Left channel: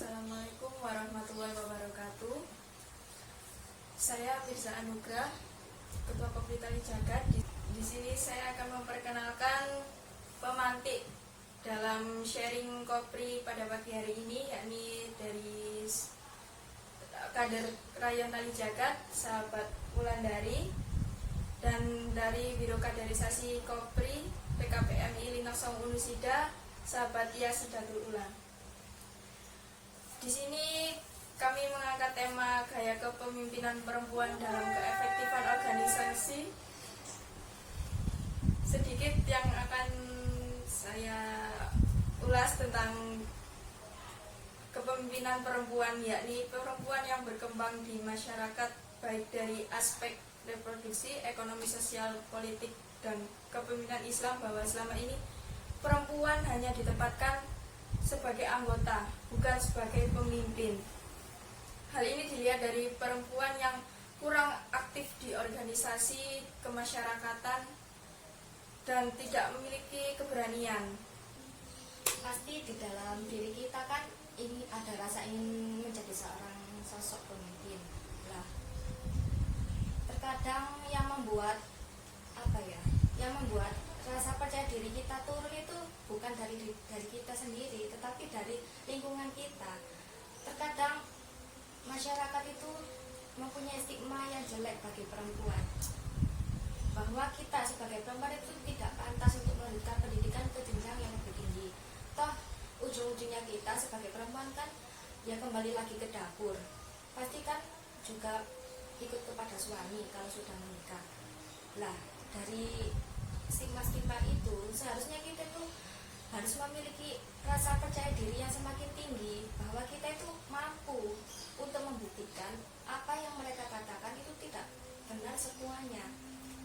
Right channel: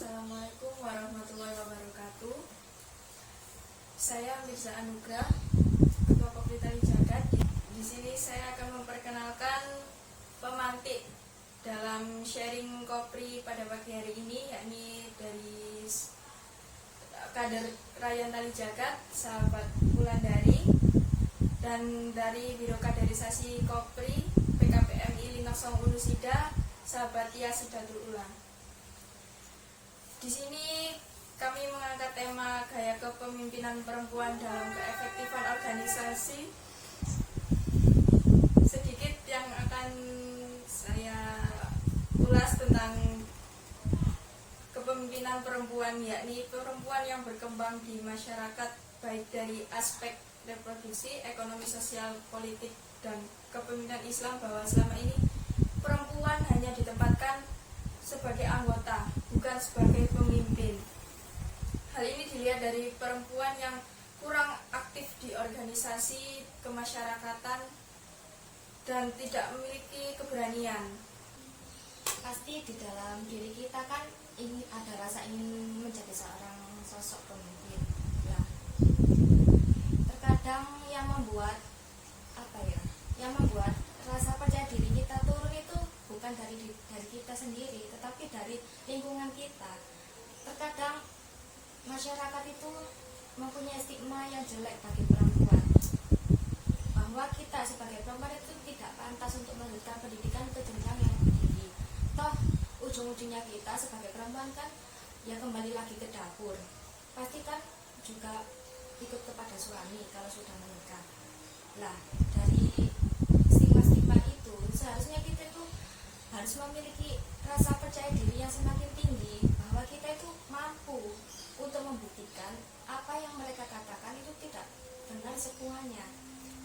Assalamualaikum warahmatullahi wabarakatuh. Saya Mirza Anugrah, Ketua Kopri Tali Jagat. Di sini saya akan memperkenalkan pemantik dalam sharing Kopri pada pagi hari ini, yakni dari kader Rayon Tali Jagat, sahabat Wulandari, dan dari Biro Kaderisasi Kopri PKPMI Linak Song Unusida, sahabat Tia Sidatul Ulang. Di sini kami mengangkat tema gaya kepemimpinan perempuan dalam keefektifan organisasi. Sedikit yang akan saya ulas tentang kepemimpinan perempuan, yakni perempuan yang berkembang di masyarakat baik dari aspek reproduksi, ekonomi, sosial, politik, dan kepemimpinan Islam, bahwa selama ini perempuan hanya ditempatkan sebagai anggota, bukan sebagai pemimpin. Hal ini dilihat dari perempuan yang kurang aktif di organisasi kemasyarakatan dan tidak memiliki keberanian. Pasti di dalam diri kita kan ingin ada rasa ingin menjadi seorang sosok pemimpin. Lah, terkadang yang membuat rasa percaya diri kita turun itu bukan dari kita sendiri, tetapi dari lingkungan kita. Terkadang masyarakat itu mempunyai stigma yang jelek bagi perempuan, bahwa kita sebagai perempuan itu tidak pantas untuk melanjutkan pendidikan ke jenjang yang lebih tinggi. Toh ujung-ujungnya kita sebagai perempuan kan ya kembali lagi ke dapur, pasti kan juga ikut kepada suami kalau sudah menikah. Lah, dari stigma itu seharusnya kita itu harus memiliki rasa percaya diri yang semakin tinggi, bahwa kita itu mampu untuk membuktikan apa yang mereka katakan itu tidak benar semuanya,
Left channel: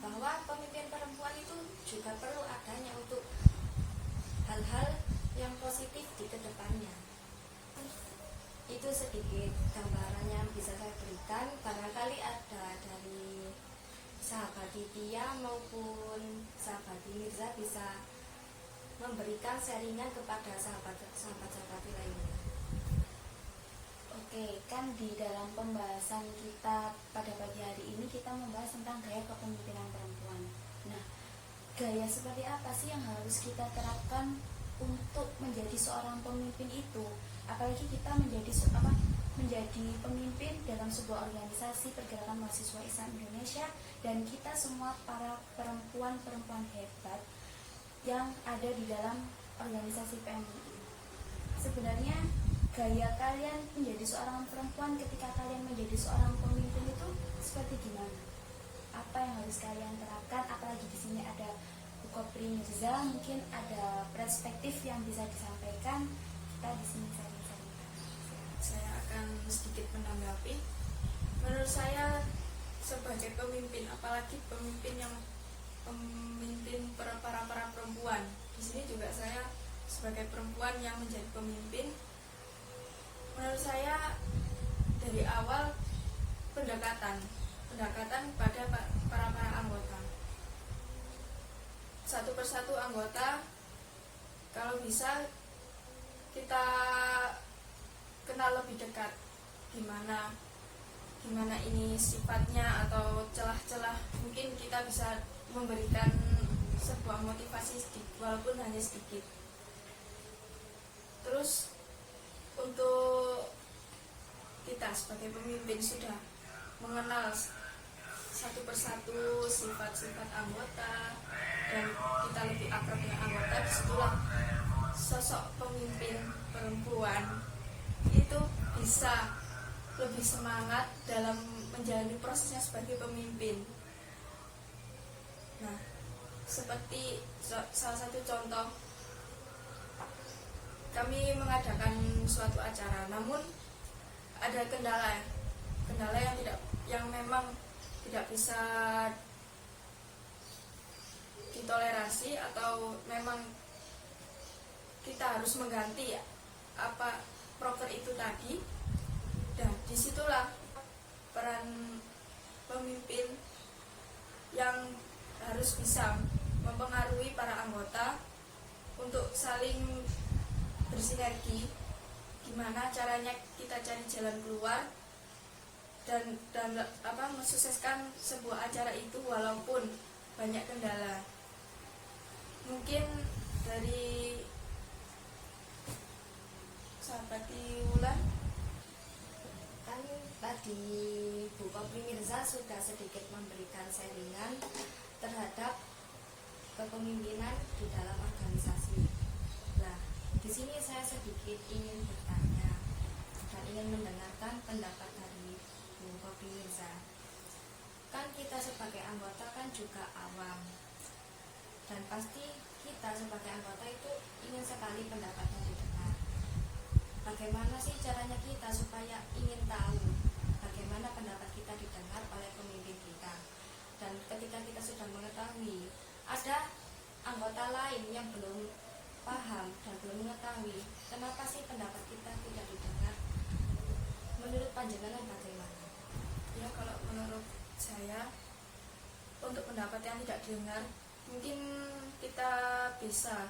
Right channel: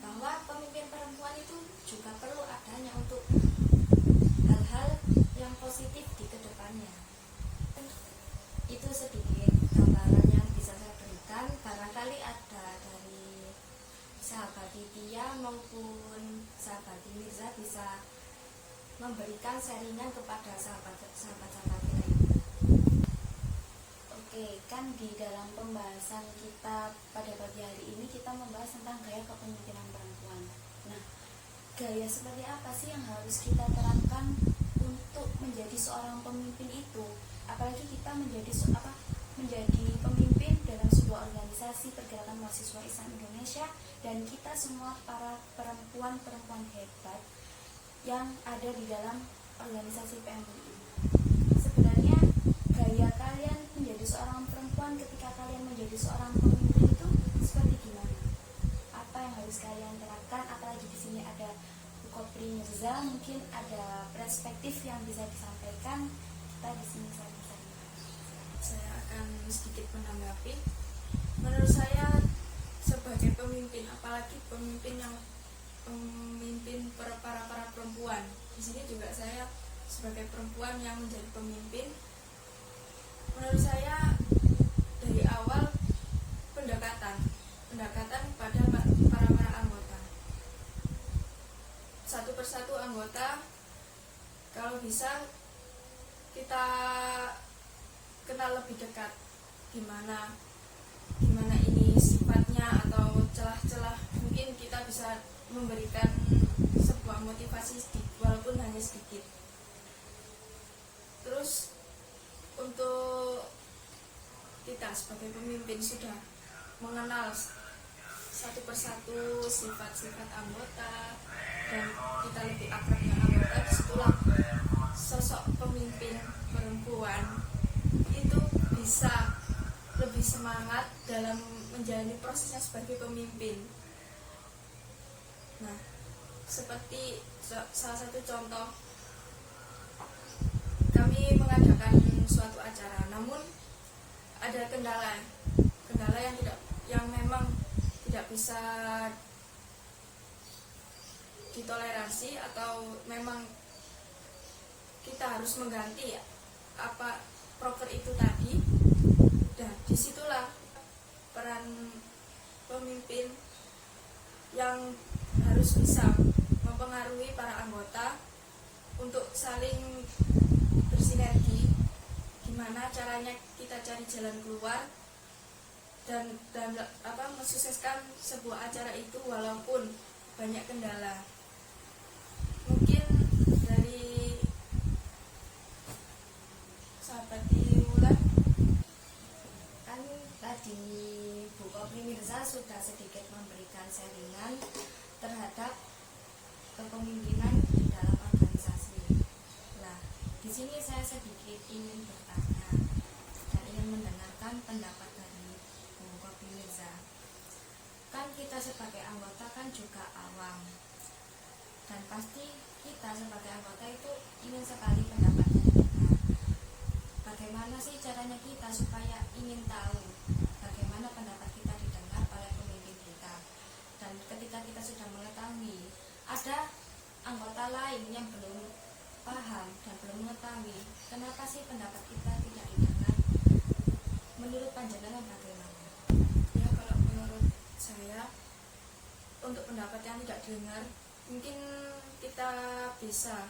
bahwa pemimpin perempuan itu juga perlu adanya untuk hal-hal yang positif di kedepannya. Itu sedikit gambaran yang bisa saya berikan. Barangkali ada dari sahabat Tia maupun sahabat Mirza bisa memberikan sharingan kepada sahabat-sahabat lainnya. Oke, kan di dalam pembahasan kita pada pagi hari ini kita membahas tentang gaya kepemimpinan perempuan. Nah, gaya seperti apa sih yang harus kita terapkan untuk menjadi seorang pemimpin itu? Apalagi kita menjadi pemimpin dalam sebuah organisasi pergerakan mahasiswa Islam Indonesia, dan kita semua para perempuan hebat yang ada di dalam organisasi PMI. Sebenarnya gaya kalian menjadi seorang perempuan ketika kalian menjadi seorang pemimpin itu seperti gimana? Apa yang harus kalian terapkan? Apalagi di sini ada Bu Kopri Mirza, mungkin ada perspektif yang bisa disampaikan. Kita di sini Saya akan sedikit menanggapi. Menurut saya sebagai pemimpin, apalagi pemimpin para perempuan, di sini juga saya sebagai perempuan yang menjadi pemimpin, menurut saya dari awal pendekatan pada para anggota, satu persatu anggota, kalau bisa kita kenal lebih dekat, gimana ini sifatnya atau celah-celah, mungkin kita bisa memberikan sebuah motivasi walaupun hanya sedikit. Terus untuk kita sebagai pemimpin sudah mengenal satu persatu sifat-sifat anggota dan kita lebih akrab dengan anggota, disitulah sosok pemimpin perempuan itu bisa lebih semangat dalam menjalani prosesnya sebagai pemimpin. Nah, seperti salah satu contoh, kami mengadakan suatu acara, namun ada kendala yang memang tidak bisa ditolerasi, atau memang kita harus mengganti apa proker itu tadi. Dan disitulah peran pemimpin yang harus bisa mempengaruhi para anggota untuk saling bersinergi, gimana gimana caranya kita cari jalan keluar dan mensukseskan sebuah acara itu walaupun banyak kendala. Mungkin dari sahabat Diulan. Kan tadi Bu Kopri Mirza sudah sedikit memberikan sharingan terhadap kepemimpinan di dalam organisasi. Nah, di sini saya sedikit ingin bertanya dan ingin mendengarkan pendapat dari Bu Kopri Mirza. Kan kita sebagai anggota kan juga awam, dan pasti kita sebagai anggota itu ingin sekali pendapatnya didengar. Bagaimana sih caranya kita supaya ingin tahu bagaimana pendapat kita didengar oleh pemimpin kita? Dan ketika kita sudah mengetahui, ada anggota lain yang belum paham dan belum mengetahui kenapa sih pendapat kita tidak didengar. Menurut panjenengan bagaimana? Ya, kalau menurut saya untuk pendapat yang tidak didengar, mungkin kita bisa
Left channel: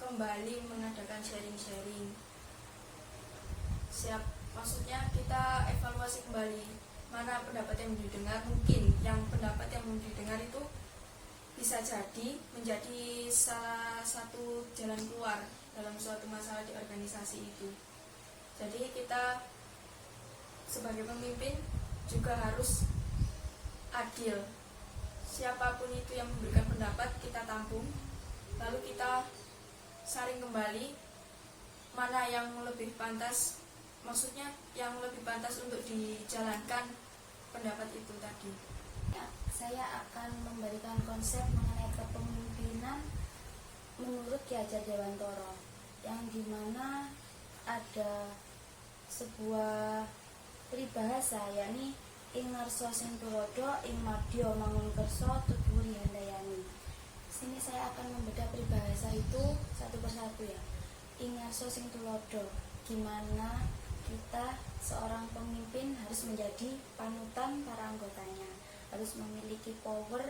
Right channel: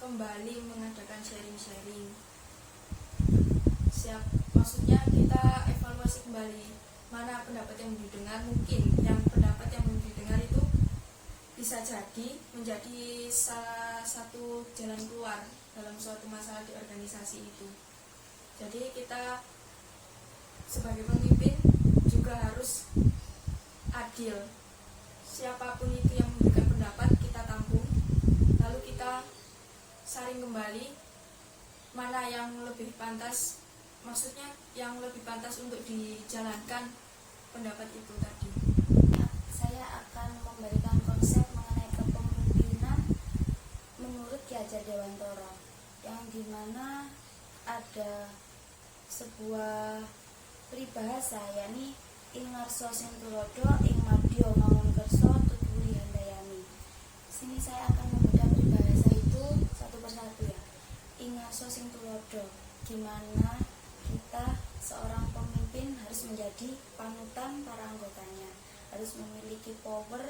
kembali mengadakan sharing-sharing. Maksudnya kita evaluasi kembali mana pendapat yang didengar. Mungkin yang pendapat yang didengar itu bisa jadi menjadi salah satu jalan keluar dalam suatu masalah di organisasi itu. Jadi kita sebagai pemimpin juga harus adil. Siapapun itu yang memberikan pendapat kita tampung, lalu kita saring kembali mana yang lebih pantas, maksudnya yang lebih pantas untuk dijalankan pendapat itu tadi. Saya akan memberikan konsep mengenai kepemimpinan menurut Ki Hajar Dewantara, yang dimana ada sebuah peribahasa, yakni ing ngarsa sing tulodo ing madya mangunkersa tuturi handayani. Sini saya akan membedah peribahasa itu satu persatu ya. Ing ngarsa sing tulodo, gimana kita seorang pemimpin harus menjadi panutan para anggotanya, harus memiliki power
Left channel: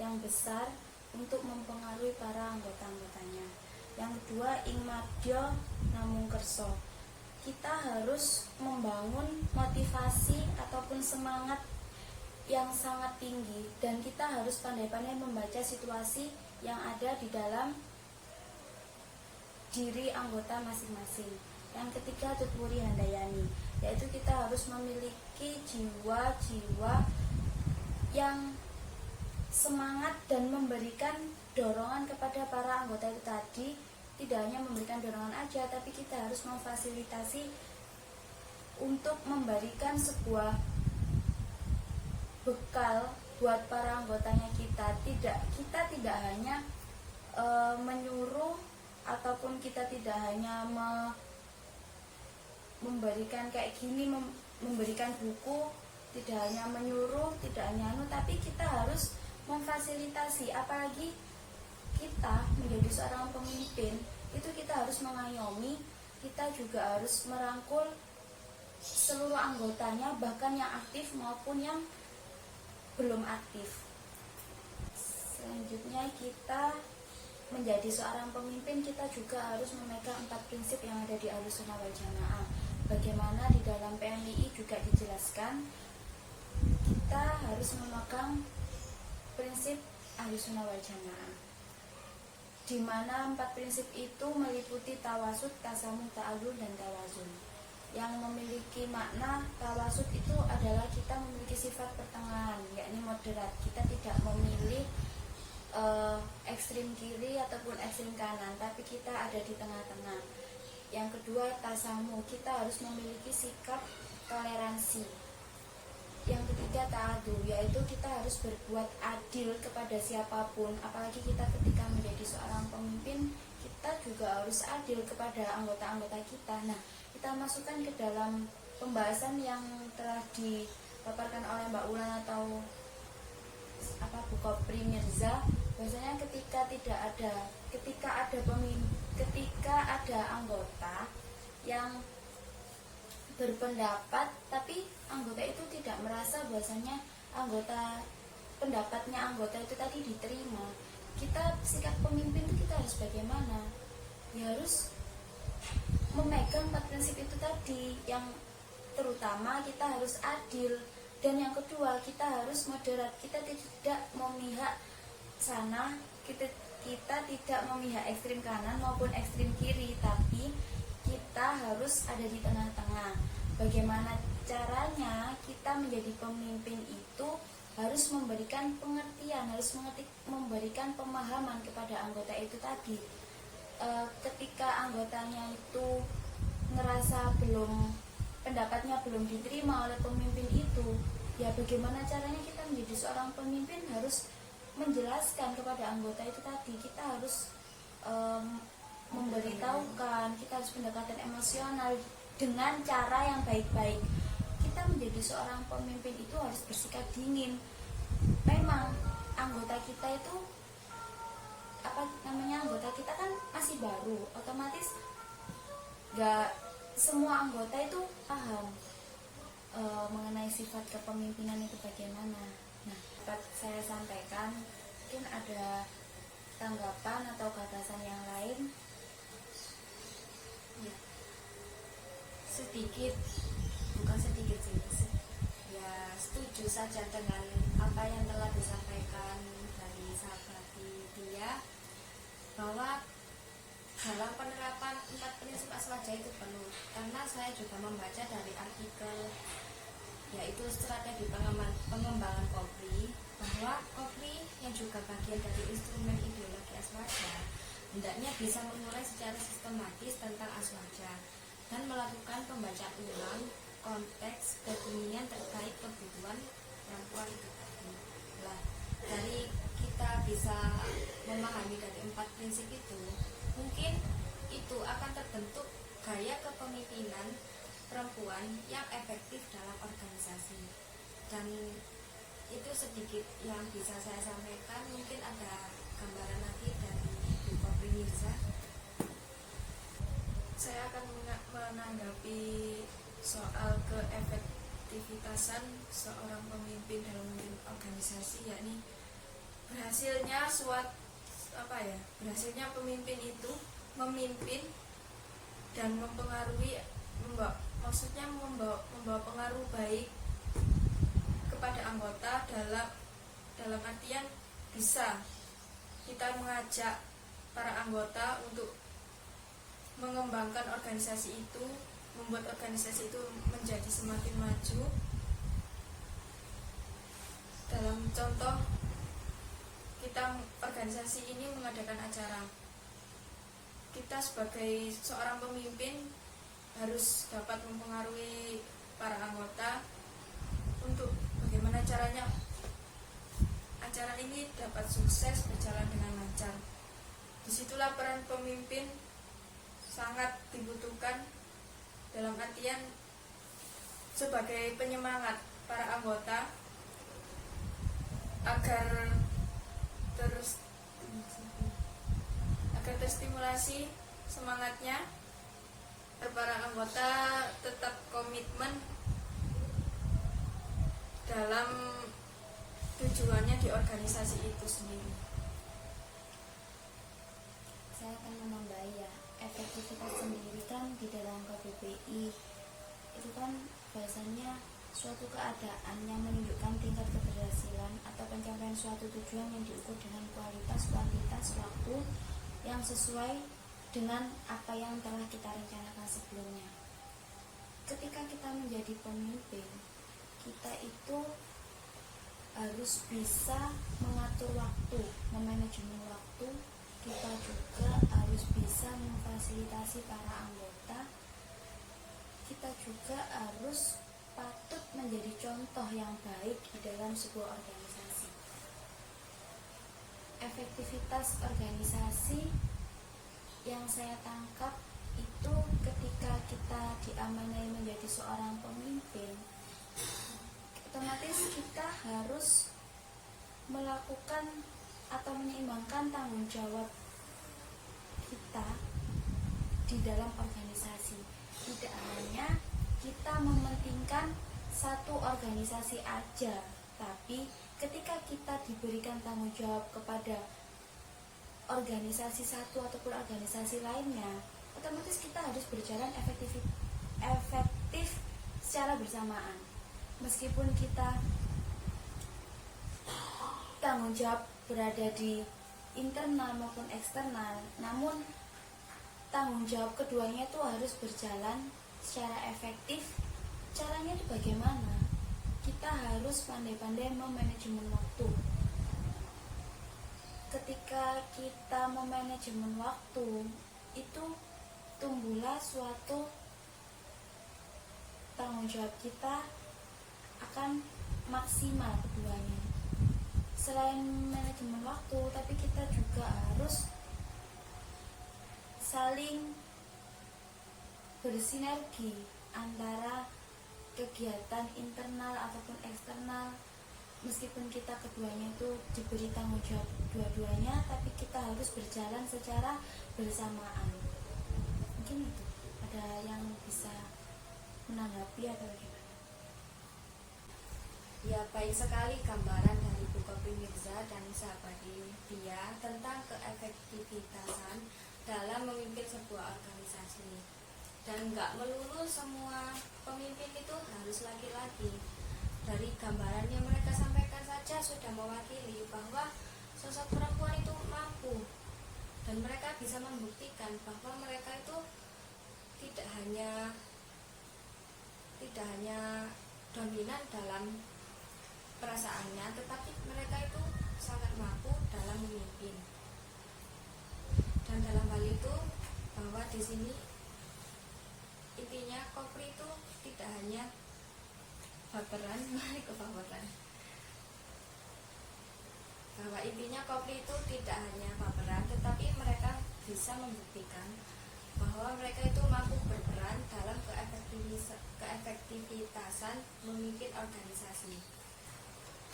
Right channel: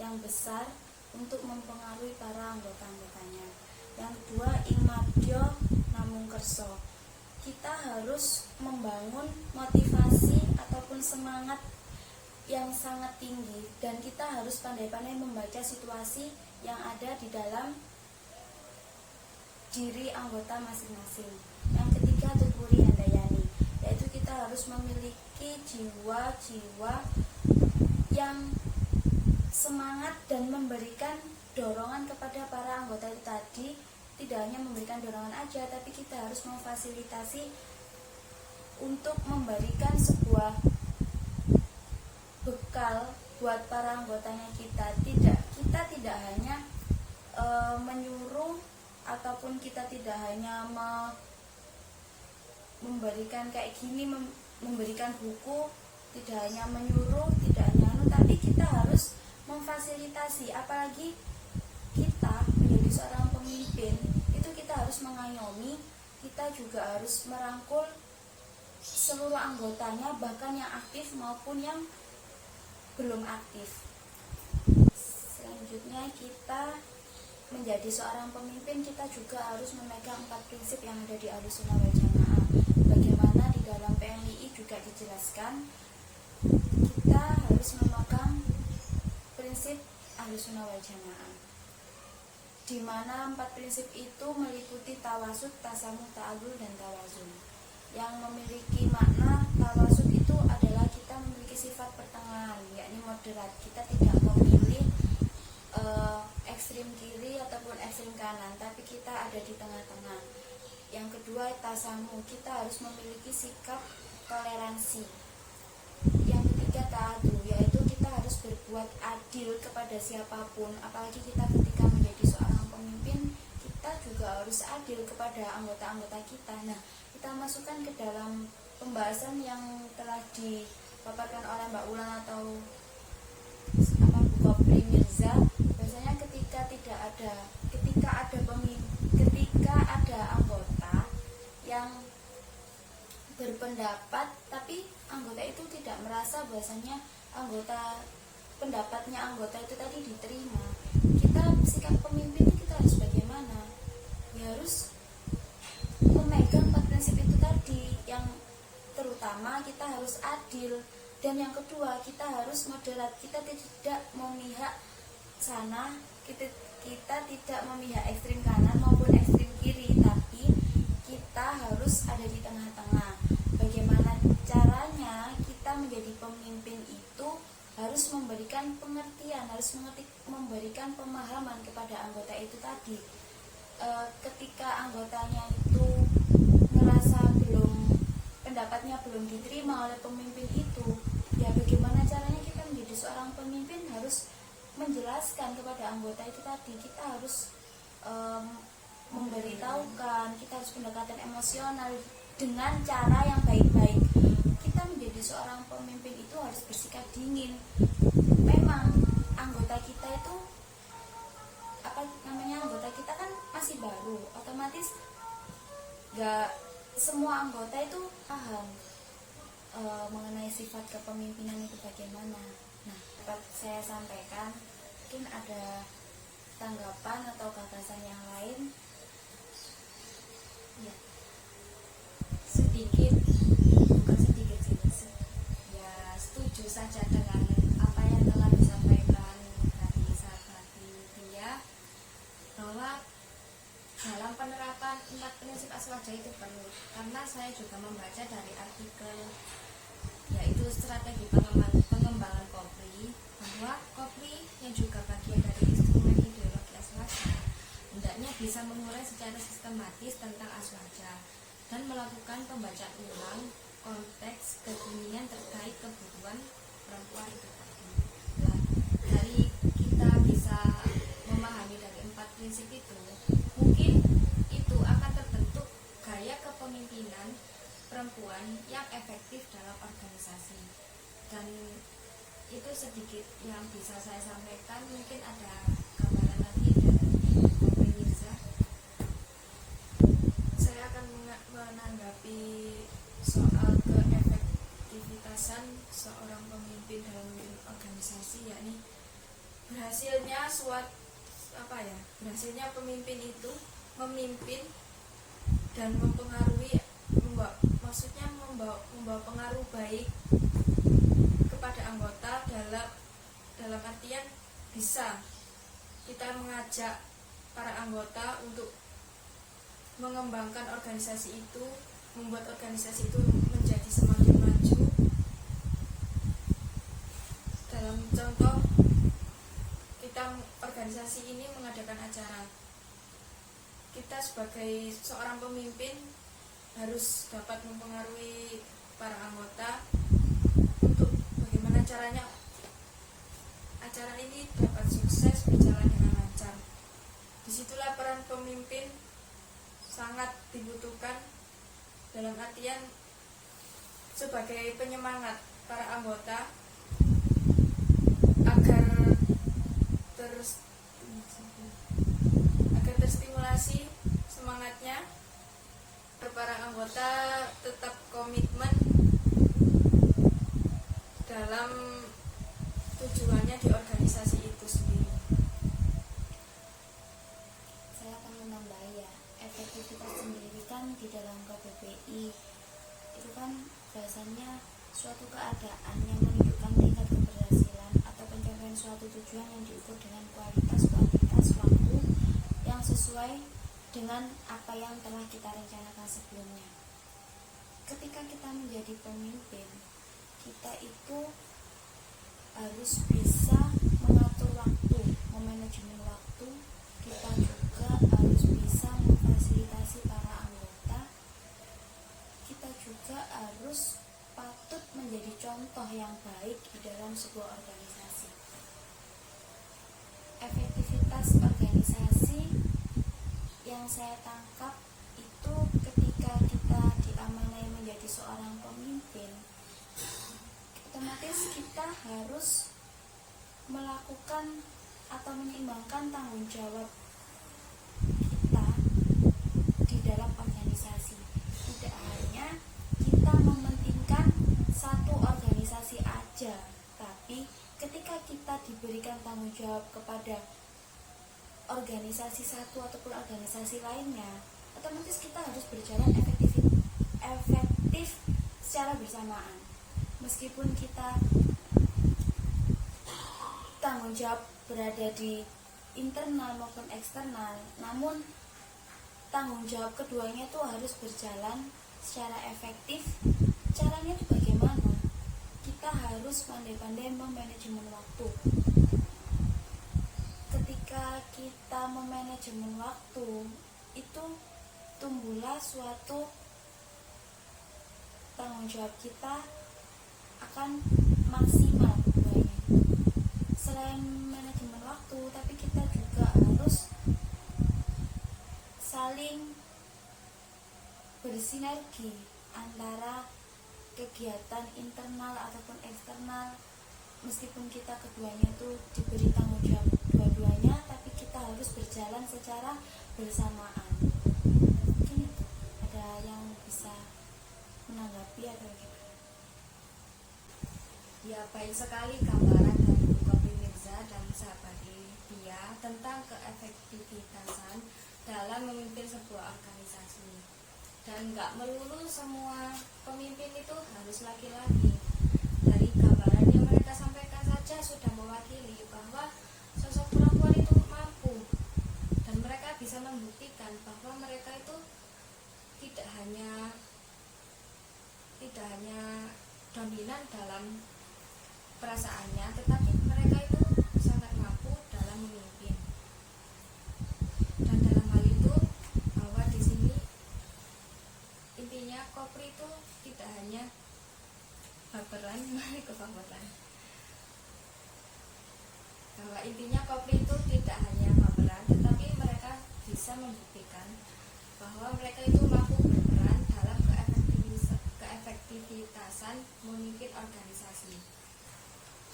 yang besar untuk mempengaruhi para anggota-anggotanya. Yang kedua, ing madya namung kersa, kita harus membangun motivasi ataupun semangat yang sangat tinggi, dan kita harus pandai-pandai membaca situasi yang ada di dalam diri anggota masing-masing. Yang ketiga, tuturi handayani, yaitu kita harus memiliki jiwa-jiwa yang semangat dan memberikan dorongan kepada para anggota itu tadi. Tidak hanya memberikan dorongan aja, tapi kita harus memfasilitasi untuk memberikan sebuah bekal buat para anggotanya kita. Kita tidak hanya menyuruh, ataupun kita tidak hanya memberikan kayak gini, memberikan buku, tidak hanya menyuruh, tidak hanya tapi kita harus memfasilitasi. Apalagi kita menjadi seorang pemimpin, itu kita harus mengayomi, kita juga harus merangkul seluruh anggotanya, bahkan yang aktif maupun yang belum aktif. Selanjutnya, kita menjadi seorang pemimpin, kita juga harus memegang 4 prinsip yang ada di Ahlussunnah wal Jamaah. Bagaimana di dalam PMII juga dijelaskan, kita harus memegang prinsip Ahlussunnah wal Jamaah, di mana 4 prinsip itu meliputi tawasud, tasamuh, ta'alul, dan tawazun. Yang memiliki makna tawasud itu adalah kita memiliki sifat pertengahan, yakni moderat. Kita tidak memilih ekstrim kiri ataupun ekstrim kanan, tapi kita ada di tengah-tengah. Yang kedua, tasamuh, kita harus memiliki sikap toleransi. Yang ketiga, ta'adul, yaitu kita harus berbuat adil kepada siapapun. Apalagi kita ketika menjadi seorang pemimpin, kita juga harus adil kepada anggota-anggota kita. Nah, kita masukkan ke dalam pembahasan yang telah dipaparkan oleh Mbak Ulan atau Bu Kopri Mirza. Biasanya ketika ada anggota yang berpendapat, tapi anggota itu tidak merasa bahwasanya pendapatnya anggota itu tadi diterima, kita sikap pemimpin itu kita harus bagaimana? Ya harus memegang 4 prinsip itu tadi, yang terutama kita harus adil, dan yang kedua kita harus moderat. Kita tidak memihak sana, kita tidak memihak ekstrim kanan maupun ekstrim kiri, tapi kita harus ada di tengah-tengah. Bagaimana caranya kita menjadi pemimpin itu harus memberikan pengertian, harus memberikan pemahaman kepada anggota itu tadi. Ketika anggotanya itu merasa pendapatnya belum diterima oleh pemimpin itu, ya bagaimana caranya kita menjadi seorang pemimpin harus menjelaskan kepada anggota itu tadi. Kita harus memberitahukan, kita harus pendekatan emosional dengan cara yang baik-baik. Kita menjadi seorang pemimpin itu harus bersikap dingin. Memang anggota kita itu anggota kita kan masih baru, otomatis gak semua anggota itu paham mengenai sifat kepemimpinan itu bagaimana. Nah, dapat saya sampaikan, mungkin ada tanggapan atau gagasan yang lain. Ya, sedikit, bukan sedikit sih, ya setuju saja dengan apa yang telah disampaikan dari sahabat dia, bahwa dalam penerapan 4 prinsip Aswaja itu perlu, karena saya juga membaca dari artikel yaitu strategi pengembangan Kopri, bahwa Kopri yang juga bagian dari instrumen ideologi Aswaja hendaknya bisa mengurai secara sistematis tentang Aswaja dan melakukan pembacaan ulang konteks kekinian terkait kebutuhan perempuan itu tadi. Nah, dari kita bisa memahami dari 4 prinsip itu, mungkin itu akan terbentuk gaya kepemimpinan perempuan yang efektif dalam organisasi. Dan itu sedikit yang bisa saya sampaikan. Mungkin ada gambaran lagi dari Kopri Mirza. Saya akan menanggapi soal keefektivitasan seorang pemimpin dalam organisasi, yakni berhasilnya pemimpin itu memimpin dan mempengaruhi, maksudnya membawa pengaruh baik kepada anggota dalam artian bisa kita mengajak para anggota untuk mengembangkan organisasi itu, membuat organisasi itu menjadi semakin maju. Dalam contoh, organisasi ini mengadakan acara, kita sebagai seorang pemimpin harus dapat mempengaruhi para anggota untuk bagaimana caranya acara ini dapat sukses, berjalan dengan lancar. Disitulah peran pemimpin sangat dibutuhkan, dalam artian sebagai penyemangat para anggota agar terstimulasi semangatnya, para anggota tetap komitmen dalam tujuannya di organisasi itu sendiri. Saya akan menambah ya, efektivitas sendiri kan di dalam KBBI itu kan bahasanya suatu keadaan yang menunjukkan tingkat keberhasilan atau pencapaian suatu tujuan yang diukur dengan kualitas waktu yang sesuai dengan apa yang telah kita rencanakan sebelumnya. Ketika kita menjadi pemimpin, kita itu harus bisa mengatur waktu, memanajemen waktu. Kita juga harus bisa memfasilitasi para anggota. Kita juga harus patut menjadi contoh yang baik di dalam sebuah organisasi. Efektivitas organisasi yang saya tangkap itu ketika kita diamanai menjadi seorang pemimpin, otomatis kita harus melakukan atau menyeimbangkan tanggung jawab kita di dalam organisasi. Tidak hanya kita mementingkan satu organisasi aja, tapi ketika kita diberikan tanggung jawab kepada organisasi satu ataupun organisasi lainnya, otomatis kita harus berjalan efektif secara bersamaan. Meskipun kita tanggung jawab berada di internal maupun eksternal, namun tanggung jawab keduanya itu harus berjalan secara efektif. Caranya itu bagaimana? Kita harus pandai-pandai memanajemen waktu. Ketika kita memanajemen waktu, itu tumbuhlah suatu tanggung jawab kita akan maksimal keduanya. Selain manajemen waktu, tapi kita juga harus saling bersinergi antara kegiatan internal ataupun eksternal. Meskipun kita keduanya itu diberi tanggung jawab dua-duanya, tapi kita harus berjalan secara bersamaan. Mungkin itu ada yang bisa menanggapi atau gimana? Ya, baik sekali gambaran dari Bu Kopri Mirza dan sahabat dia tentang keefektivitasan dalam memimpin sebuah organisasi. Dan nggak melulu semua pemimpin itu harus laki-laki. Dari gambaran yang mereka sampaikan saja sudah mewakili bahwa sosok perempuan itu mampu, dan mereka bisa membuktikan bahwa mereka itu tidak hanya dominan dalam perasaannya, tetapi mereka itu sangat mampu dalam memimpin. Dan dalam hal itu, bahwa di sini intinya Kopri itu tidak hanya baperan, bahwa intinya Kopri itu tidak hanya baperan, tetapi mereka bisa membuktikan bahwa mereka itu mampu berperan dalam keefektivitasan memimpin organisasi.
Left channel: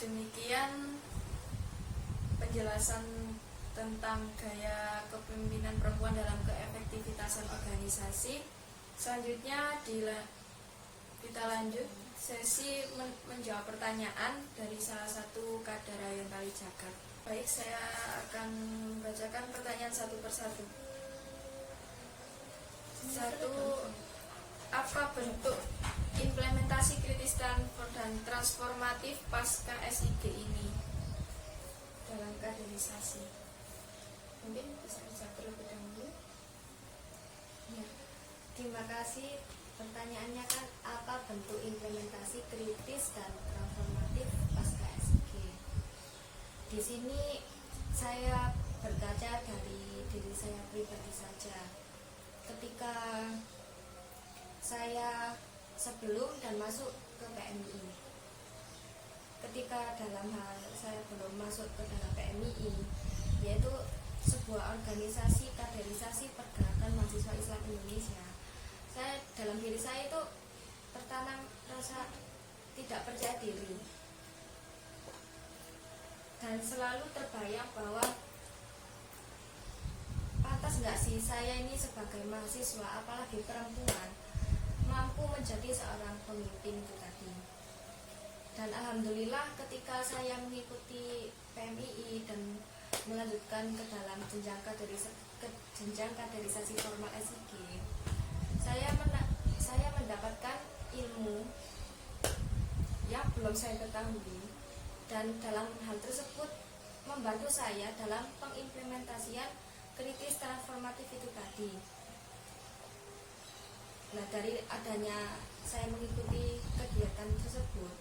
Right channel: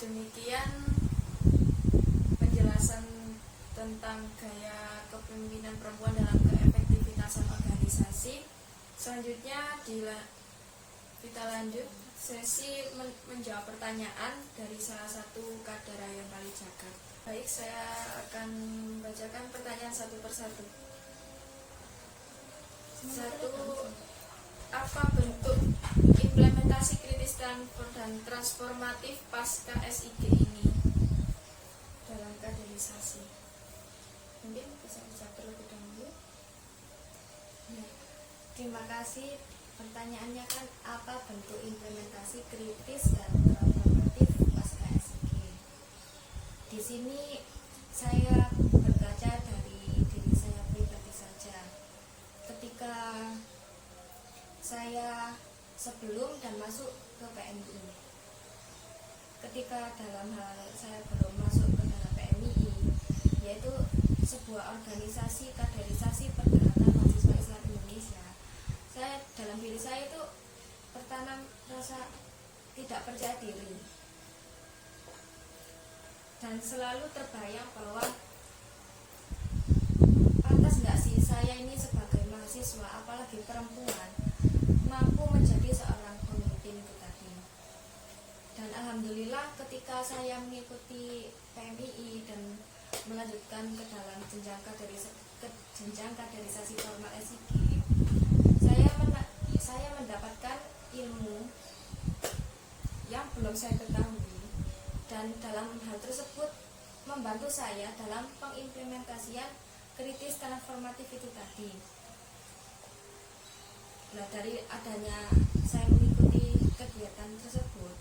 Demikian penjelasan tentang gaya kepemimpinan perempuan dalam keefektivitasan organisasi. Selanjutnya kita lanjut sesi menjawab pertanyaan dari salah satu kader Rayon Tali Jagat. Baik, saya akan membacakan pertanyaan satu persatu. Satu, apa bentuk implementasi kritis dan transformatif pasca SIG ini dalam kaderisasi? Mungkin bisa terlebih dahulu. Ya, terima kasih. Pertanyaannya kan apa bentuk implementasi kritis dan transformatif pasca SIG? Di sini saya berkaca dari diri saya pribadi saja. Ketika saya sebelum dan masuk ke PMI, ketika dalam hal saya belum masuk ke dalam PMI, yaitu sebuah organisasi kaderisasi pergerakan mahasiswa Islam Indonesia, saya dalam diri saya itu pertama rasa tidak percaya diri, dan selalu terbayang bahwa pantas nggak sih saya ini sebagai mahasiswa, apalagi perempuan, mampu menjadi seorang pemimpin itu tadi. Dan alhamdulillah ketika saya mengikuti PMII dan melanjutkan ke dalam jenjang kaderisasi formal SIG, saya mendapatkan ilmu yang belum saya ketahui, dan dalam hal tersebut membantu saya dalam pengimplementasian kritis transformatif itu tadi. Nah, dari adanya saya mengikuti kegiatan tersebut,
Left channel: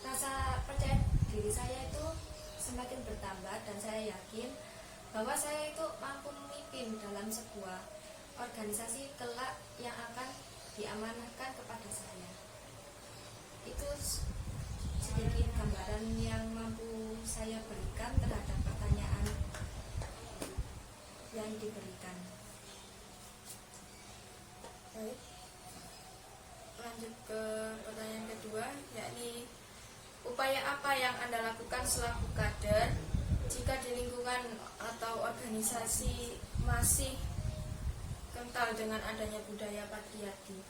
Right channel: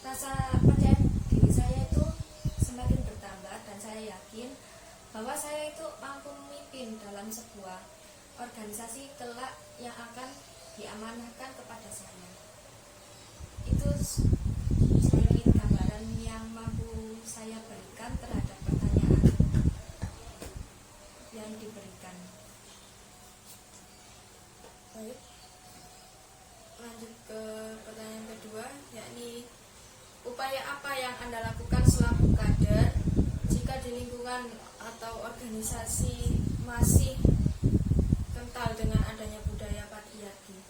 rasa percaya diri saya itu semakin bertambah, dan saya yakin bahwa saya itu mampu memimpin dalam sebuah organisasi kelak yang akan diamanahkan kepada saya. Itu sedikit gambaran yang mampu saya berikan terhadap pertanyaan yang diberikan. Baik, lanjut ke pertanyaan kedua, yakni upaya apa yang Anda lakukan selaku kader jika di lingkungan atau organisasi masih kental dengan adanya budaya patriarki?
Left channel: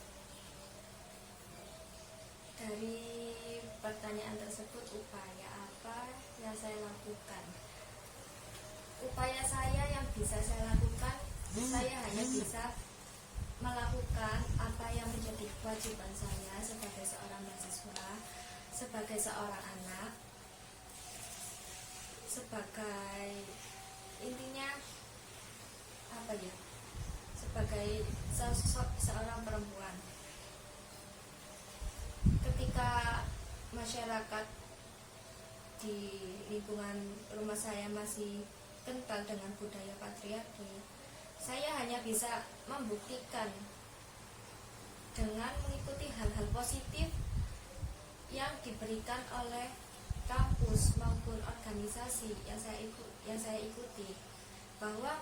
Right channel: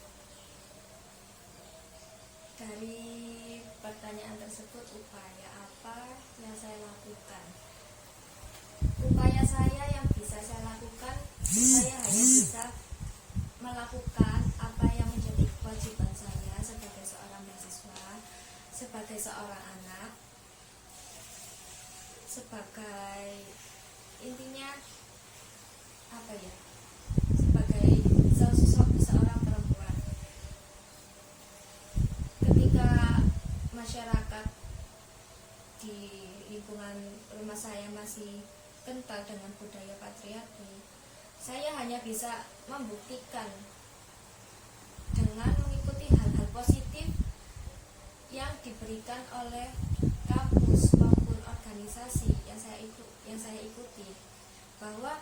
Dari pertanyaan tersebut, upaya apa yang saya lakukan? Upaya saya yang bisa saya lakukan Saya hanya bisa melakukan apa yang menjadi kewajiban saya sebagai seorang mahasiswa, sebagai seorang anak, sebagai intinya apa ya, sebagai seorang perempuan. Ketika masyarakat di lingkungan rumah saya masih kental dengan budaya patriarki, saya hanya bisa membuktikan dengan mengikuti hal-hal positif yang diberikan oleh kampus maupun organisasi yang saya ikuti, bahwa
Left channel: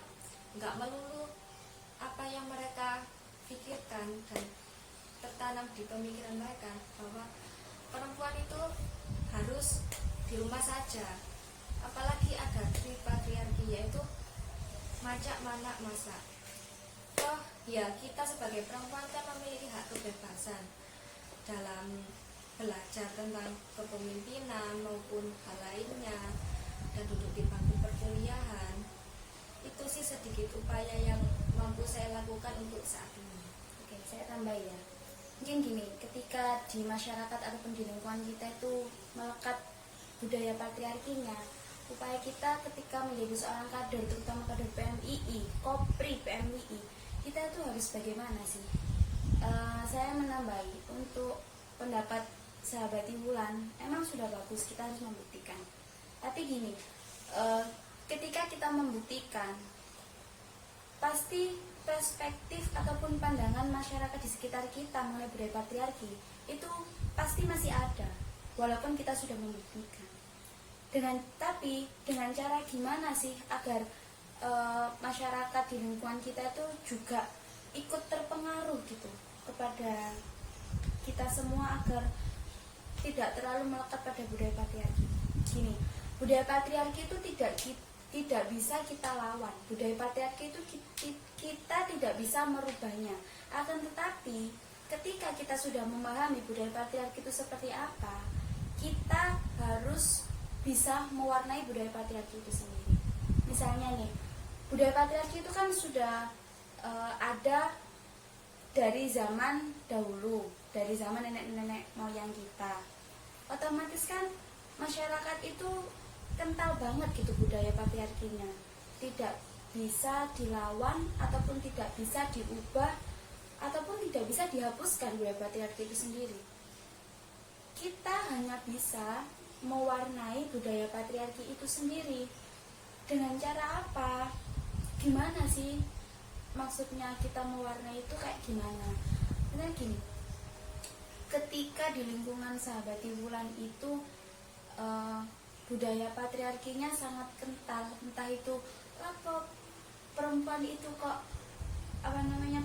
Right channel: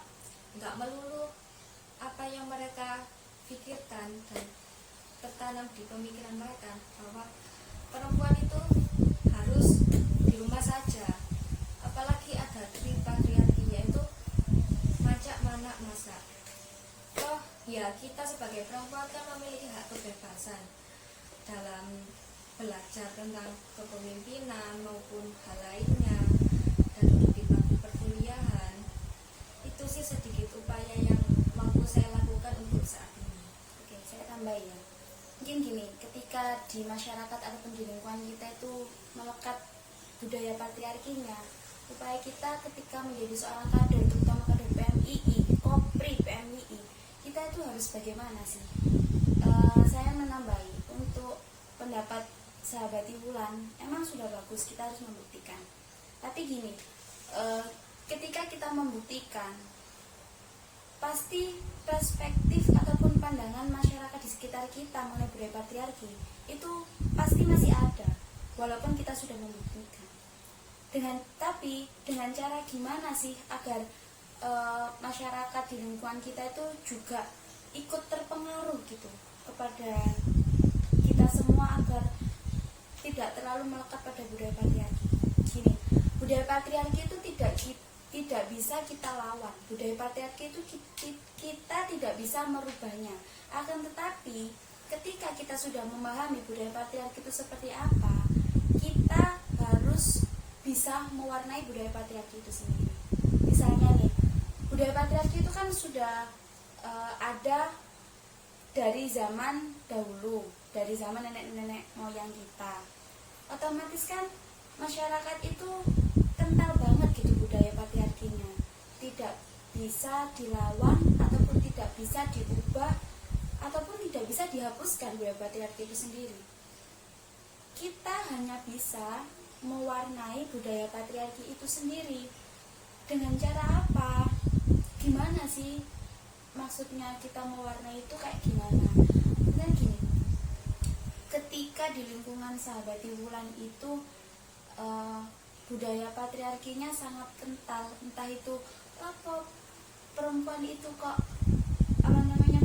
nggak melulu apa yang mereka pikirkan dan tertanam di pemikiran mereka bahwa perempuan itu harus di rumah saja, apalagi ada patriarki, yaitu masak, manak, masak. Toh ya, kita sebagai perempuan kan memiliki hak kebebasan dalam belajar tentang kepemimpinan maupun hal lainnya, dan duduk di bangku perkuliahan. Itu sih sedikit upaya yang mampu saya lakukan untuk saat ini. Oke, saya tambah ya. Mungkin gini, ketika di masyarakat ataupun di lingkungan kita itu melekat budaya patriarkinya, upaya kita ketika menjadi seorang kader, terutama kader PMII, Kopri PMII, kita itu harus bagaimana sih? Saya menambahi untuk pendapat sahabat Wulan, emang sudah bagus, kita harus membuktikan. Tapi gini, ketika kita membuktikan, pasti perspektif ataupun pandangan masyarakat di sekitar kita mengenai budaya patriarki itu pasti masih ada, walaupun kita sudah membuktikan. Tapi dengan cara gimana sih agar masyarakat di lingkungan kita itu juga ikut terpengaruh gitu kepada kita semua, agar tidak terlalu melekat pada budaya patriarki. Gini, budaya patriarki itu tidak bisa kita lawan. Budaya patriarki itu kita tidak bisa merubahnya. Akan tetapi ketika kita sudah memahami budaya patriarki itu seperti apa, kita harus bisa mewarnai budaya patriarki itu sendiri. Misalnya nih, budaya patriarki itu kan sudah ada dari zaman dahulu, dari zaman nenek-nenek moyang kita. Otomatis kan masyarakat itu kental banget gitu budaya patriarkinya, tidak bisa dilawan ataupun tidak bisa diubah ataupun tidak bisa dihapuskan budaya patriarki itu sendiri. Kita hanya bisa mewarnai budaya patriarki itu sendiri. Dengan cara apa? Gimana sih maksudnya kita mewarnai itu kayak gimana? Nah gini, ketika di lingkungan sahabat Wulan itu budaya patriarkinya sangat kental, entah itu apa perempuan itu kok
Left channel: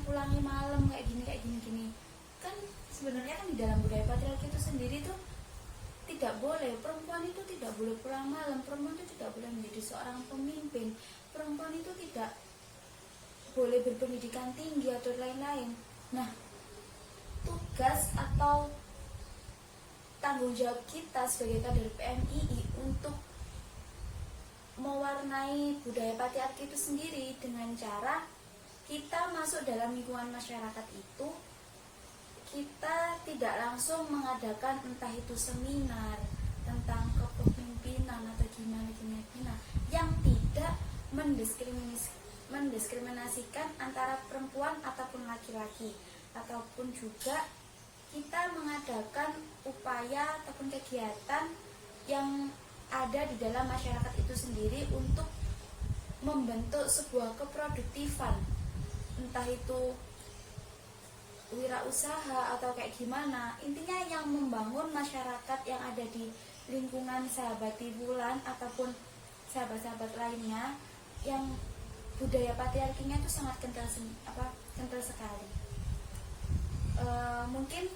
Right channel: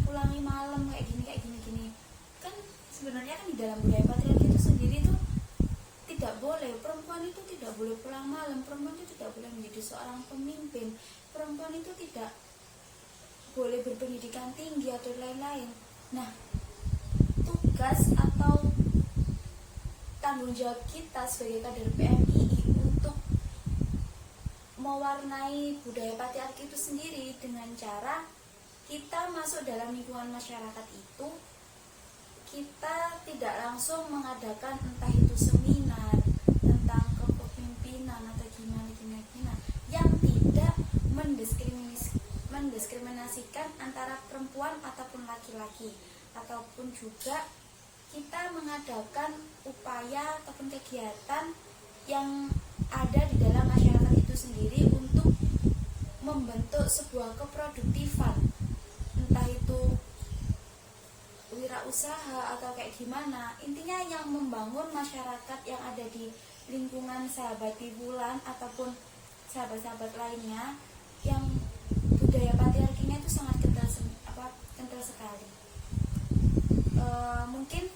pulangi malam kayak gini, kan sebenarnya kan di dalam budaya patriarki itu sendiri tuh tidak boleh, perempuan itu tidak boleh pulang malam, perempuan itu tidak boleh menjadi seorang pemimpin, perempuan itu tidak boleh berpendidikan tinggi atau lain-lain. Nah, tugas atau tanggung jawab kita sebagai kader PMII untuk mewarnai budaya patriarki itu sendiri dengan cara kita masuk dalam lingkungan masyarakat itu, kita tidak langsung mengadakan entah itu seminar tentang kepemimpinan atau gimana yang tidak mendiskriminasikan antara perempuan ataupun laki-laki, ataupun juga kita mengadakan upaya ataupun kegiatan yang ada di dalam masyarakat itu sendiri untuk membentuk sebuah keproduktifan, entah itu wirausaha atau kayak gimana, intinya yang membangun masyarakat yang ada di lingkungan sahabat Wulan ataupun sahabat-sahabat lainnya yang budaya patriarkinya itu sangat kental sekali. Mungkin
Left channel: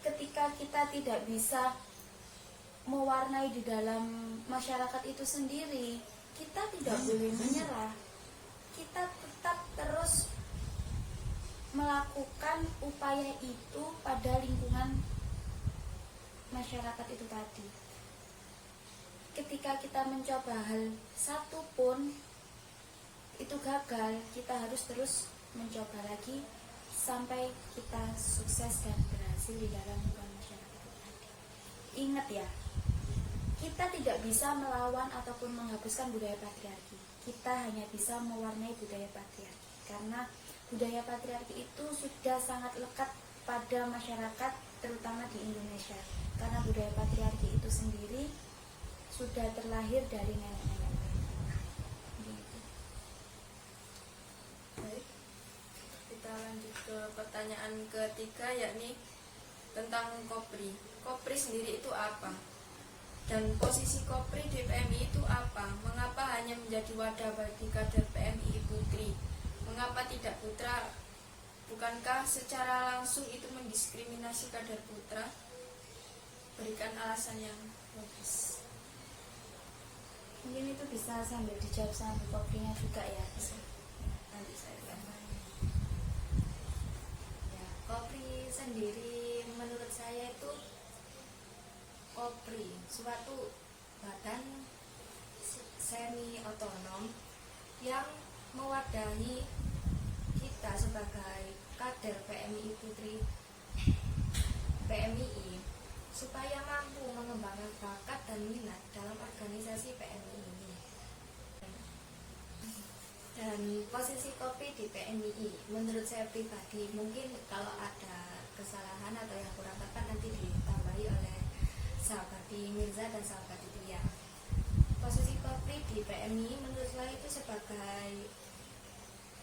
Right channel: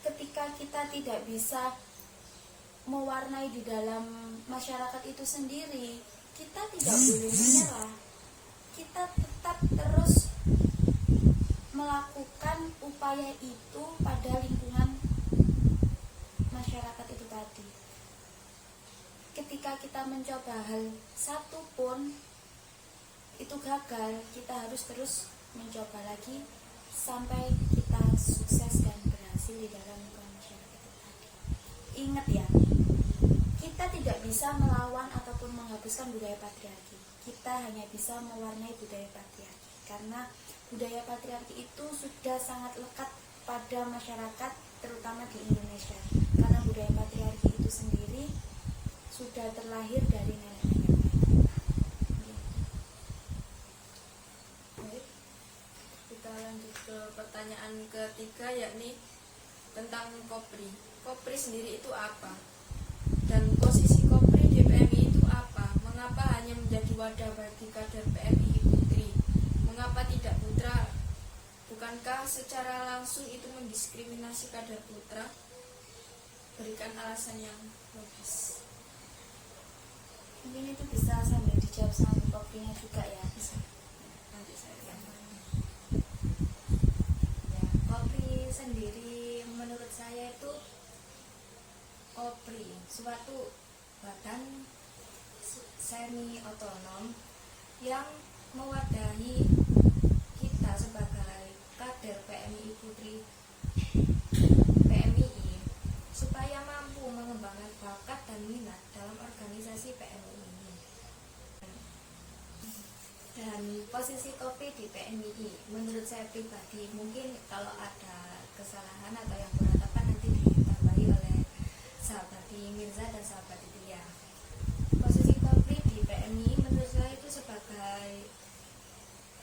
ketika kita tidak bisa mewarnai di dalam masyarakat itu sendiri, kita tidak boleh menyerah, kita tetap terus melakukan upaya itu pada lingkungan masyarakat itu tadi. Ketika kita mencoba hal satu pun, itu gagal, kita harus terus mencoba lagi sampai kita sukses dan berhasil di dalam lingkungan masyarakat itu tadi. Ingat ya, kita tidak bisa melawan ataupun menghapuskan budaya patriarki. Kita hanya bisa mewarnai budaya patriarki, karena budaya patriarki itu sudah sangat lekat pada masyarakat, terutama di Indonesia. Karena budaya patriarki itu sendiri sudah terlahir dari nenek-nenek. Baik, kita lanjut ke pertanyaan ketiga, yakni tentang KOPRI. KOPRI sendiri itu apa? Dan posisi KOPRI di PMI itu apa? Mengapa hanya menjadi wadah bagi kader PMI putri? Mengapa tidak putra? Bukankah secara langsung itu mendiskriminasi kader putra? Berikan alasan yang logis. Mungkin itu bisa sambil dijawab sama KOPRI-nya juga ya. Bisa. Nanti saya tambahin. Ya, KOPRI sendiri menurut saya itu KOPRI suatu badan semi otonom yang mewadahi kita sebagai kader PMI Putri PMI supaya mampu mengembangkan bakat dan minat dalam organisasi PMI ini. Dan posisi KOPRI di PMI menurut saya pribadi, mungkin kalau ada kesalahan atau yang kurang tepat nanti ditambahi oleh sahabat Mirza dan sahabat Tia. Posisi KOPRI di PMI menurut saya itu sebagai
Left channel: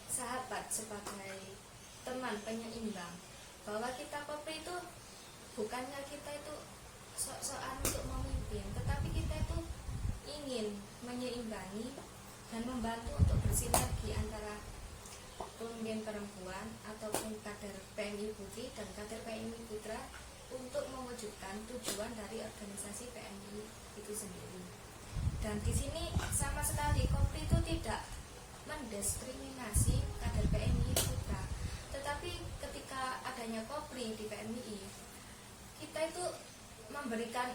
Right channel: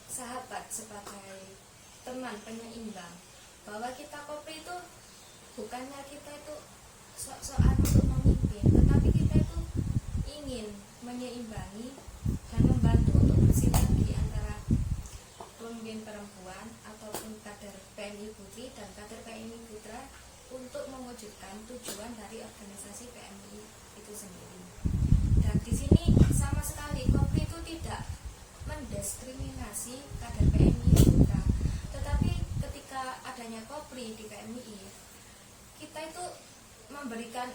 sahabat, sebagai teman penyeimbang, bahwa kita KOPRI itu bukannya kita itu sok-sokan untuk memimpin, tetapi kita itu ingin menyeimbangi dan membantu untuk bersinergi antara pemimpin perempuan ataupun kader PMI Putri dan kader PMI Putra untuk mewujudkan tujuan dari organisasi PMI itu sendiri. Dan di sini sama sekali KOPRI itu tidak mendiskriminasi kader PMI Putra, tetapi ketika adanya KOPRI di PMI, kita itu memberikan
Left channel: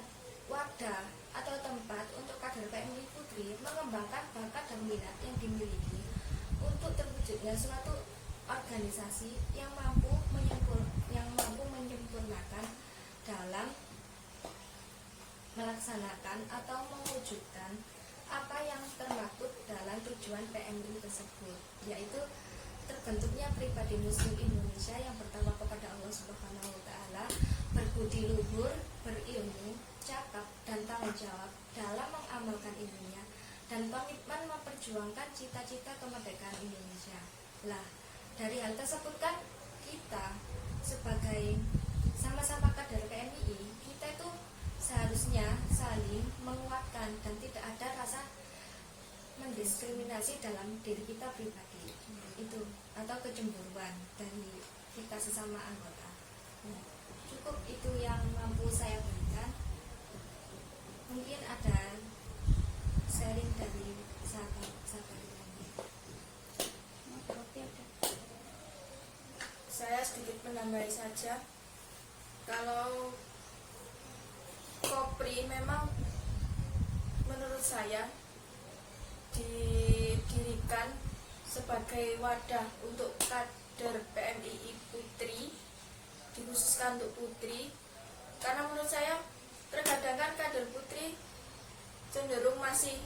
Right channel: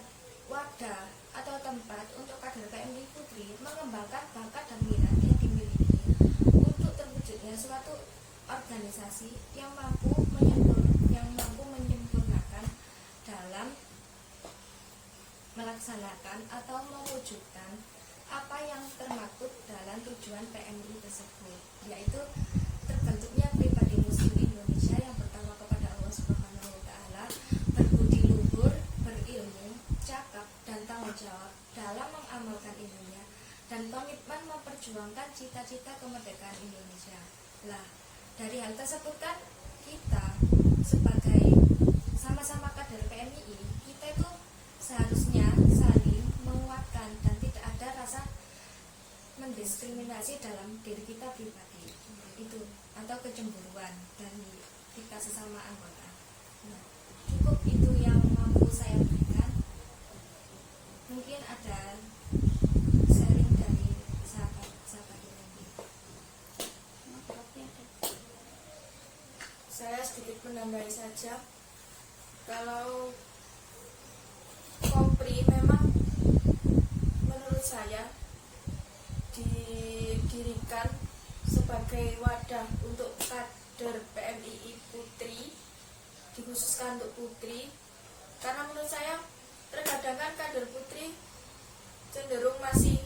wadah atau tempat untuk kader PMI Putri mengembangkan bakat dan minat yang dimiliki untuk terwujudnya suatu organisasi yang mampu menyempurnakan dalam melaksanakan atau mewujudkan apa yang termaktub dalam tujuan PMI tersebut, yaitu terbentuknya pribadi Muslim Indonesia yang bertakwa kepada Allah Subhanahu wa Ta'ala, berbudi luhur, berilmu, cakap, dan tanggung jawab dalam mengamalkan ilmunya, dan komitmen memperjuangkan cita-cita kemerdekaan Indonesia. Lah, dari hal tersebut kan kita sebagai sama-sama kader PMI, kita itu seharusnya saling menguatkan dan tidak ada rasa mendiskriminasi dalam diri kita pribadi itu atau kecemburuan dari kita sesama anggota. Nah, cukup itu yang mampu saya berikan. Mungkin ada sharing dari sahabat-sahabat ini. Saya sedikit menambahi saja. Kalau KOPRI memang menurut saya didirikan sebagai wadah untuk kader PMI Putri, dikhususkan untuk putri, karena menurut saya terkadang kan kader putri cenderung masih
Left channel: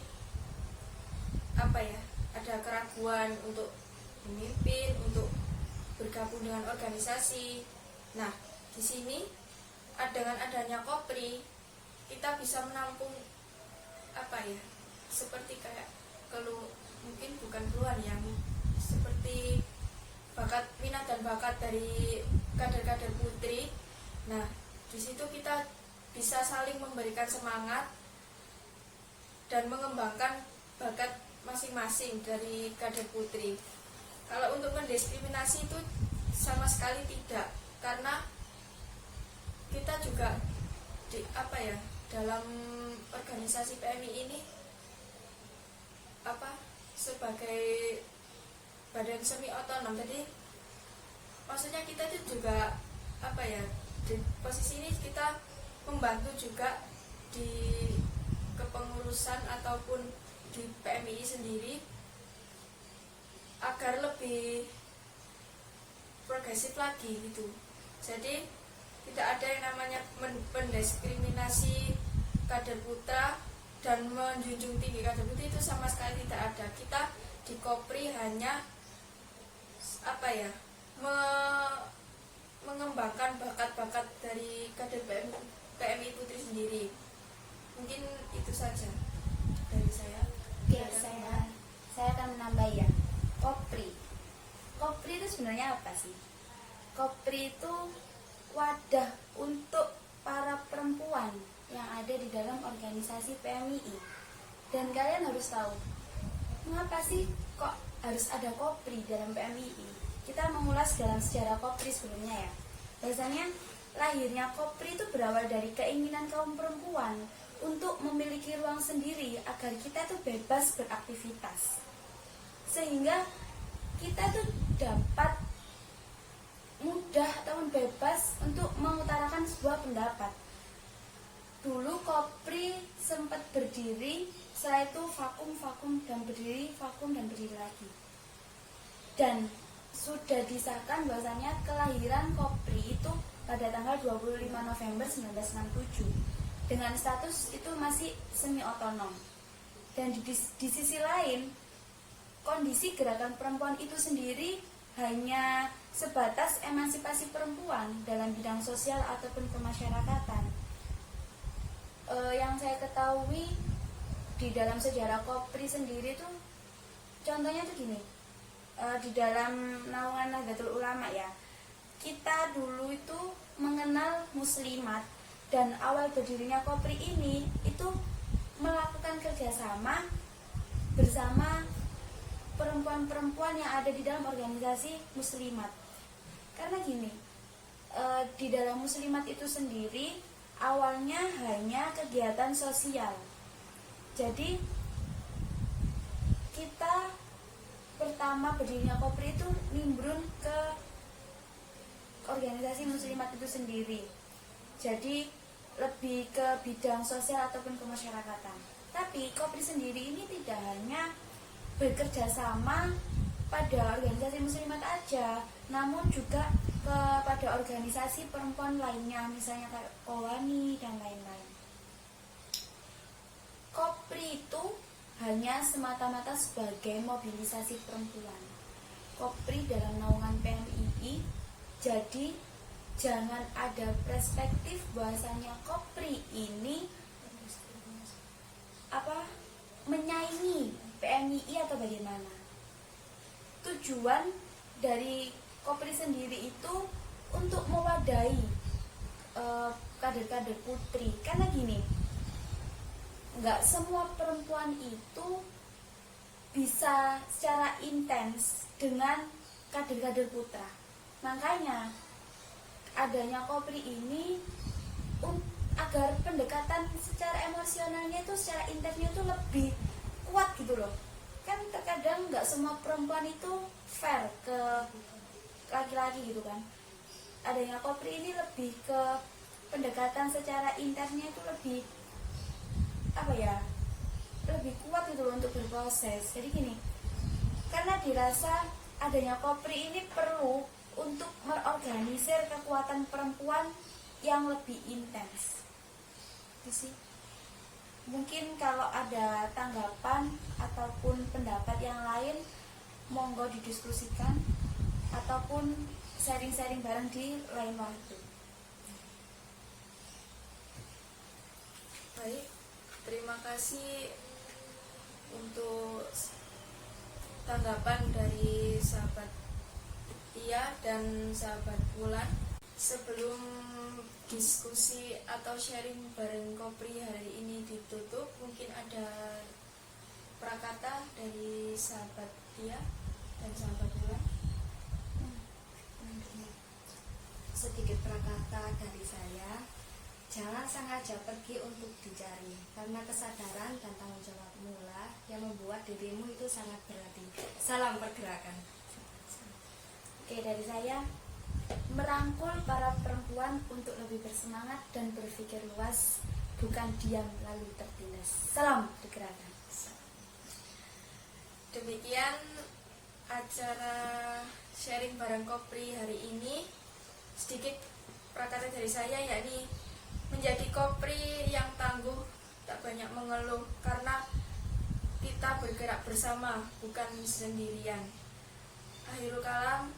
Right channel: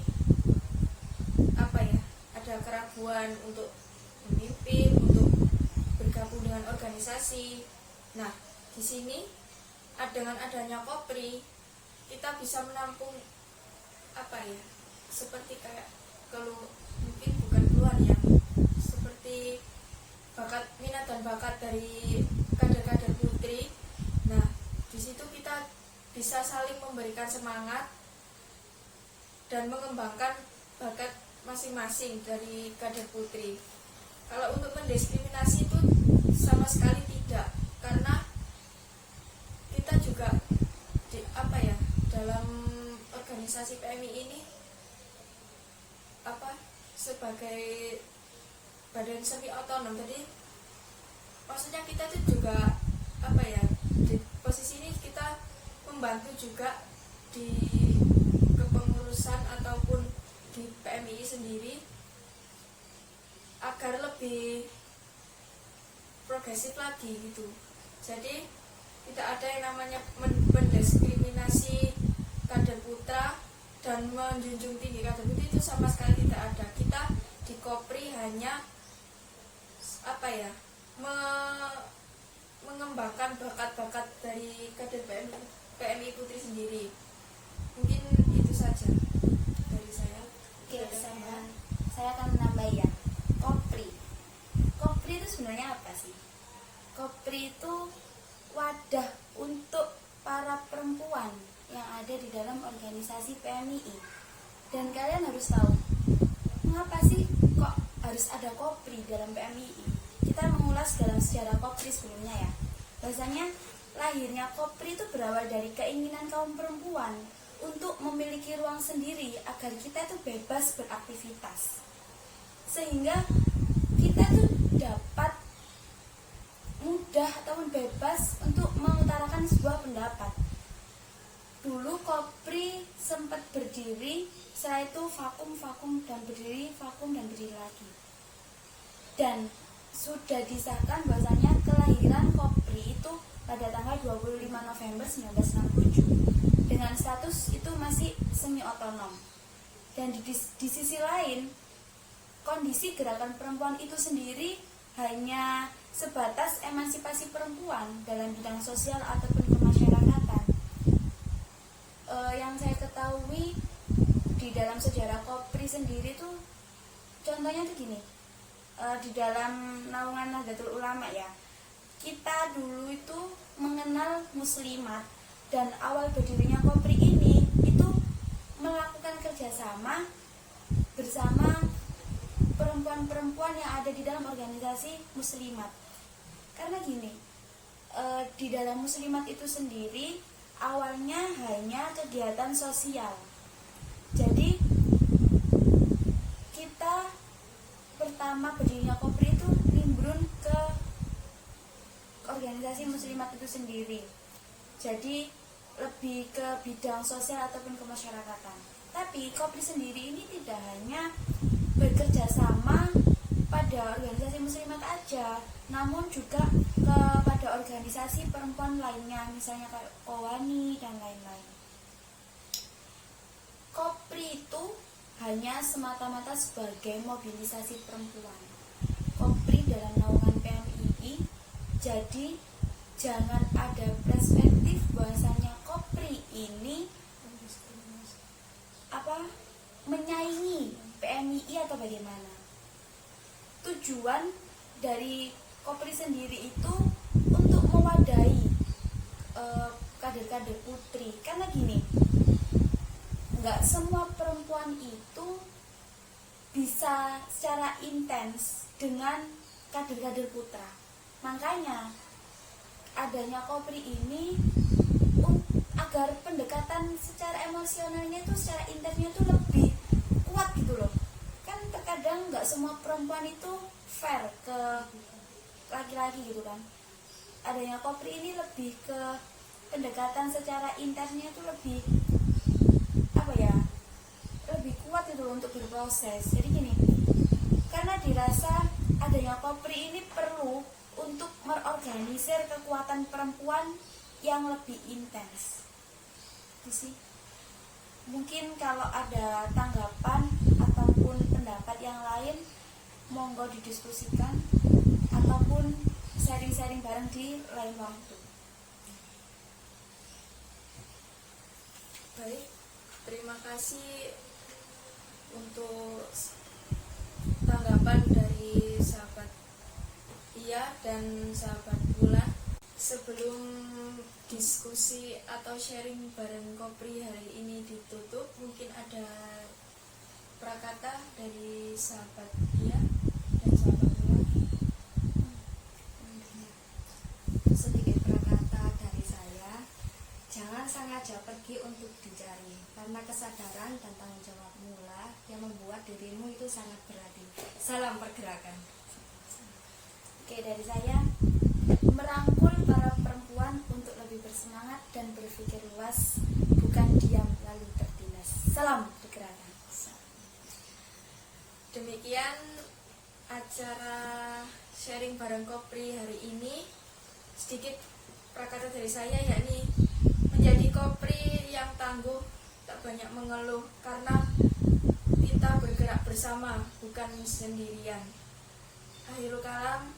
ada keraguan untuk memimpin, untuk bergabung dengan organisasi. Nah, di sini dengan adanya KOPRI kita bisa menampung seperti kayak mungkin bukan keluar ya, seperti bakat, minat dan bakat dari kader-kader putri. Nah, di situ kita bisa saling memberikan semangat dan mengembangkan bakat masing-masing dari kader putri. Kalau untuk mendiskriminasi itu sama sekali tidak, karena kita juga dalam organisasi PMI ini sebagai badan semi otonom, jadi maksudnya kita itu juga di posisi ini kita membantu juga di kepengurusan ataupun di PMI sendiri agar lebih progresif lagi gitu. Jadi tidak ada yang namanya mendiskriminasi kader putra dan menjunjung tinggi kader putri, itu sama sekali tidak ada. Kita di Kopri hanya mengembangkan bakat-bakat dari kader PMI Putri sendiri. Mungkin itu saja dari saya. Oke, saya akan menambah ya. Kopri itu sebenarnya apa sih? Kopri itu wadah untuk para perempuan yang ada di dalam organisasi PMII. Dan kalian harus tahu, mengapa sih kok harus ada Kopri dalam PMII? Kita mengulas dalam sejarah Kopri sebelumnya ya. Biasanya lahirnya Kopri itu berawal dari keinginan kaum perempuan untuk memiliki ruang sendiri agar kita tuh bebas beraktivitas, sehingga kita tuh dapat mudah ataupun bebas untuk mengutarakan sebuah pendapat. Dulu Kopri sempat berdiri, setelah itu vakum dan berdiri, vakum dan berdiri lagi. Dan sudah disahkan bahwasanya kelahiran Kopri itu pada tanggal 25 November 1967 dengan status itu masih semi otonom. Dan di sisi lain, kondisi gerakan perempuan itu sendiri hanya sebatas emansipasi perempuan dalam bidang sosial ataupun kemasyarakatan. Yang saya ketahui di dalam sejarah Kopri sendiri tuh contohnya tuh gini, di dalam naungan Nahdlatul Ulama ya, kita dulu itu mengenal muslimat, dan awal berdirinya Kopri ini itu melakukan kerjasama bersama perempuan-perempuan yang ada di dalam organisasi muslimat. Karena gini, di dalam muslimat itu sendiri awalnya hanya kegiatan sosial. Jadi kita pertama berdirinya Kopri itu nimbrun ke organisasi muslimat itu sendiri. Jadi lebih ke bidang sosial ataupun kemasyarakatan. Tapi Kopri sendiri ini tidak hanya bekerja sama pada organisasi muslimat aja, namun juga kepada organisasi perempuan lainnya, misalnya kayak Kowani dan lain-lain. Kopri itu hanya semata-mata sebagai mobilisasi perempuan. Kopri dalam naungan PMII, jadi jangan ada perspektif bahwasanya Kopri ini menyaingi PMII atau bagaimana. Tujuan dari Kopri sendiri itu untuk mewadahi kader-kader putri. Karena gini, nggak semua perempuan itu bisa secara intens dengan kader-kader putra. Makanya adanya Kopri ini agar pendekatan secara emosionalnya itu, secara intensnya itu lebih kuat gitu loh. Kan terkadang nggak semua perempuan itu fair ke laki-laki gitu kan. Adanya Kopri ini lebih ke pendekatan secara intensnya itu lebih lebih kuat gitu loh untuk berproses. Jadi gini, karena dirasa adanya Kopri ini perlu untuk merorganisir kekuatan perempuan yang lebih intens. Itu sih. Mungkin kalau ada tanggapan ataupun pendapat yang lain, monggo didiskusikan ataupun sharing-sharing bareng di lain waktu. Baik, terima kasih untuk tanggapan dari sahabat Tia dan sahabat Bulan. Sebelum diskusi atau sharing bareng Kopri hari ini ditutup, mungkin ada prakata dari sahabat Tia dan sahabat Bulan. Sedikit prakata dari saya. Jangan sengaja pergi untuk dicari, karena kesadaran dan tanggung jawabmu lah yang membuat dirimu itu sangat berarti. Salam pergerakan. Oke, dari saya, merangkul para perempuan untuk lebih bersemangat dan berpikir luas, bukan diam lalu tertindas. Salam pergerakan. Demikian acara sharing bareng Kopri hari ini, sedikit prakata dari saya, yakni menjadi Kopri yang tangguh, tak banyak mengeluh, karena kita bergerak bersama, bukan sendirian. Akhirul kalam,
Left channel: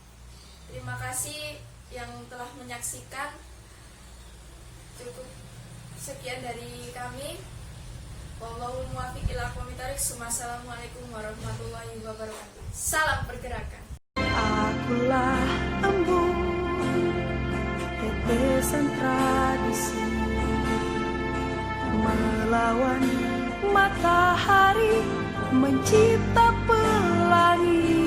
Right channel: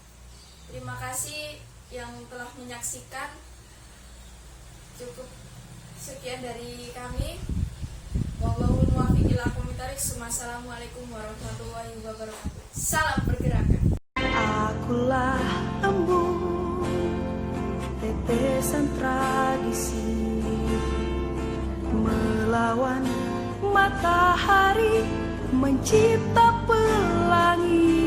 terima kasih yang telah menyaksikan. Cukup sekian dari kami. Wallahul muwaffiq ila aqwamit thoriq. Wassalamualaikum warahmatullahi wabarakatuh. Salam pergerakan. Akulah embun tetesan tradisi, melawan matahari mencipta pelangi.